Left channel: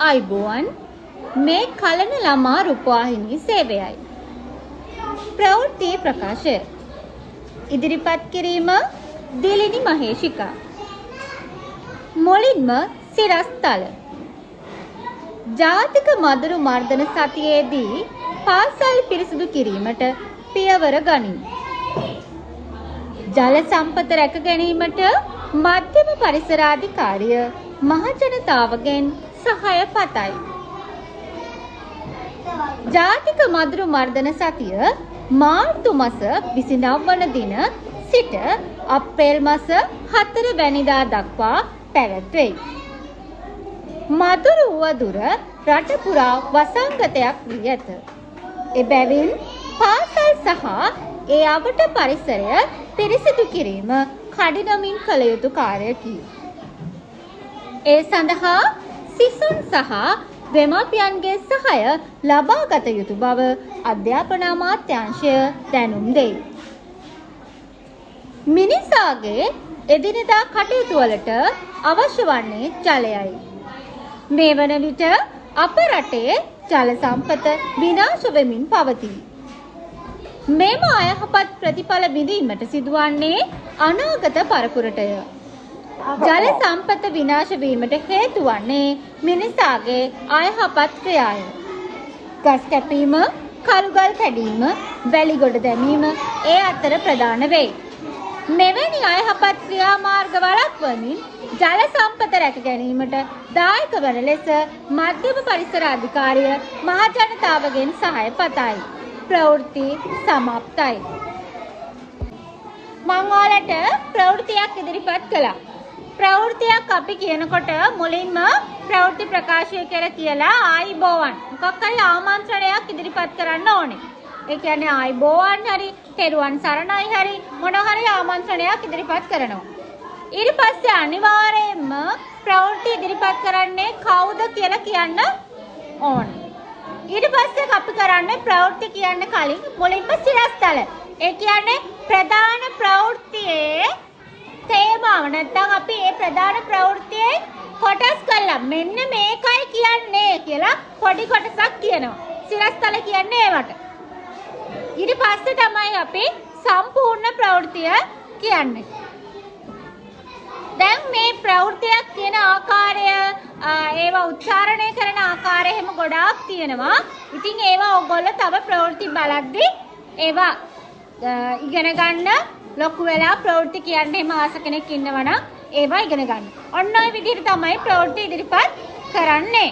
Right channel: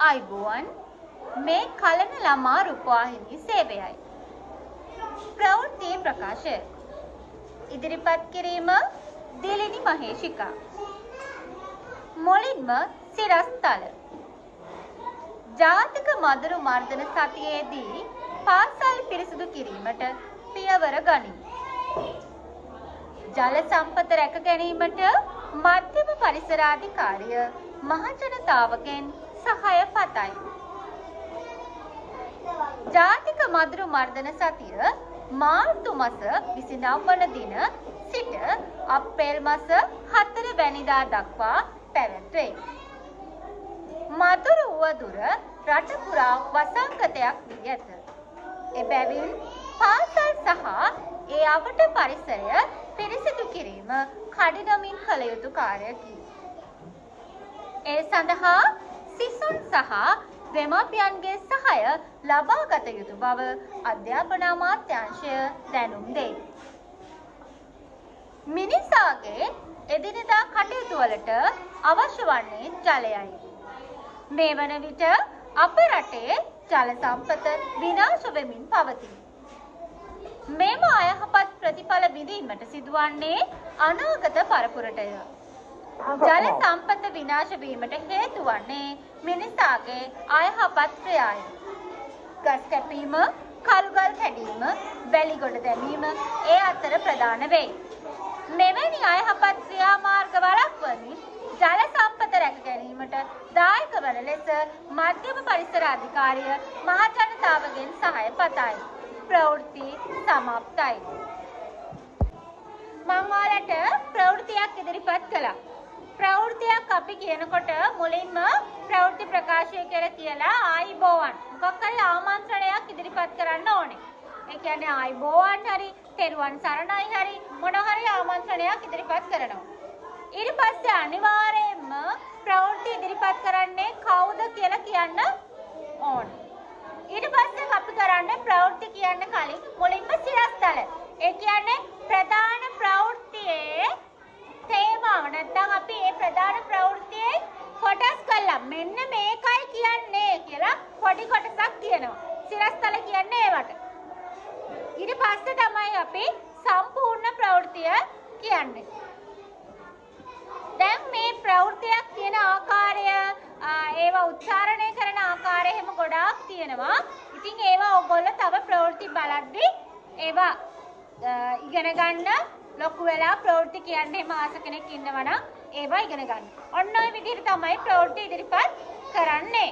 අයිබෝවන් මේ කලන ළමා රූපවාහිනී සේවයයි. ප්‍රවෘත්ති ප්‍රකාශය ඉදිරිපත් කිරීම දිලිනි මහේෂිකා. මුලින්ම සිරස්තල ජාතික මදුරු මර්දන සතියේදී පාසල් පිරිසිදු කිරීමට පියවර ගනිමු. ජල සම්පත රැක ගැනීමට මධ්‍යම පරිසරාධිකාරිය මහජනතාවගෙන් සහාය පතයි. ජාතික මදුරු මර්දන සතිය මාර්තු මාස 29 වන දින සිට අප්‍රේල් මාස 4 වැනිදා දක්වා පැවැත්වෙයි. මදුරු වදුර රට පුරා වසංගතයක් වී ඇත. එබැවින් පාසල් සහ ඒ අවට පරිසරය පිරිසිදු කිරීම කඩිනමින් කළ යුතු කාර්යකි. ඒ සඳහා සිසුන් සහ දෙමාපියන්ගේ සහාය ලබා ගත යුතු බව අධ්‍යාපන අමාත්‍යාංශය දැනුම් දෙයි. මිනිසාගේ එදිනෙදා කටයුතු වලට අවශ්‍ය වන්නේ ජලයයි. මේ වන විට අප රටේ ජල සම්පත විනාශ වෙමින් පවතී. මෙම අයහපත් ප්‍රතිඵල විඳීමට සිදුවන්නේ අනාගත පරපුරටය. ජල සම්පත විනාශ වීමට හේතු වන්නේ මිනිසාගේ අයහපත් ක්‍රියාය. ගස් කැපීම, කළුගල් කැඩීම, වැලි ගොඩ දැමීම ඒ අතර ප්‍රධාන වෙයි. මෙවැනි අයහපත් ක්‍රියාමාර්ග වළක්වමින් ජල සම්පත රැක ගැනීමට දායක වන ලෙස මධ්‍යම පරිසර අධිකාරිය මහජනතාවගෙන් සහාය පතයි. ප්‍රවෘත්ති සමාප්තයි. මම ඔයාලට ප්‍රවෘත්තියක් ඉදිරිපත් කළා. ප්‍රවෘත්තියක් අපි කියනකොට මුලින්ම ප්‍රවෘත්ති ප්‍රකාශය කියලා ආයිබෝවන් මොකක් හරි ආමන්ත්‍රණයක් ඉදිරිපත් කරන්න ඕනේ. ඒ කියන්නේ ආයිබෝවන් හරි තෙරුවන් සරණයි හරි මොන හරි ආමන්ත්‍රණයක් ඉදිරිපත් කරනවා. ඊට පස්සේ අනිවාර්යයෙන්ම ප්‍රවෘත්ති ඉදිරිපත් කරන්නේ කවුද කියලා කියන්න ඕනේ. ඊට පස්සේ අපි කරන්නේ ප්‍රවෘත්ති කියන්න කලින් මුලින්ම සිරස්තල. ඒ කියන්නේ ප්‍රධාන ප්‍රවෘත්තියේ තේමාව නැත්නම් අපි මේ ප්‍රධාන ප්‍රවෘත්තියේ කොටස් කළා. මෙන්න මේකයි කියන්නේ කියලා පොඩි කොටසක් කියනවා. සිරස්තල කියන්නේ ඒවට. ඊට පස්සේ තමයි අපි සම්පූර්ණ ප්‍රවෘත්තිය කියන්නේ. දැන් මේ ප්‍රවෘත්තියක් කියන ආකාරය ඒවා උච්චාරණය කරන ආකාරය එහෙම ගොඩාක් තියෙනවා. ඉතින් ඒවා ඔයගොල්ලෝ තව ප්‍රවෘත්ති බලද්දී ඒවා ඉගෙන ගන්න ලොකු වෙලා ප්‍රවෘත්ති කියන්න එහෙම ආස කෙනෙක් ඉන්නවනම් ඒවා ඉගෙන ගන්න. ඔන්න ඔය විදිහට තමයි ප්‍රවෘත්ති ඉදිරිපත් කරන්නේ.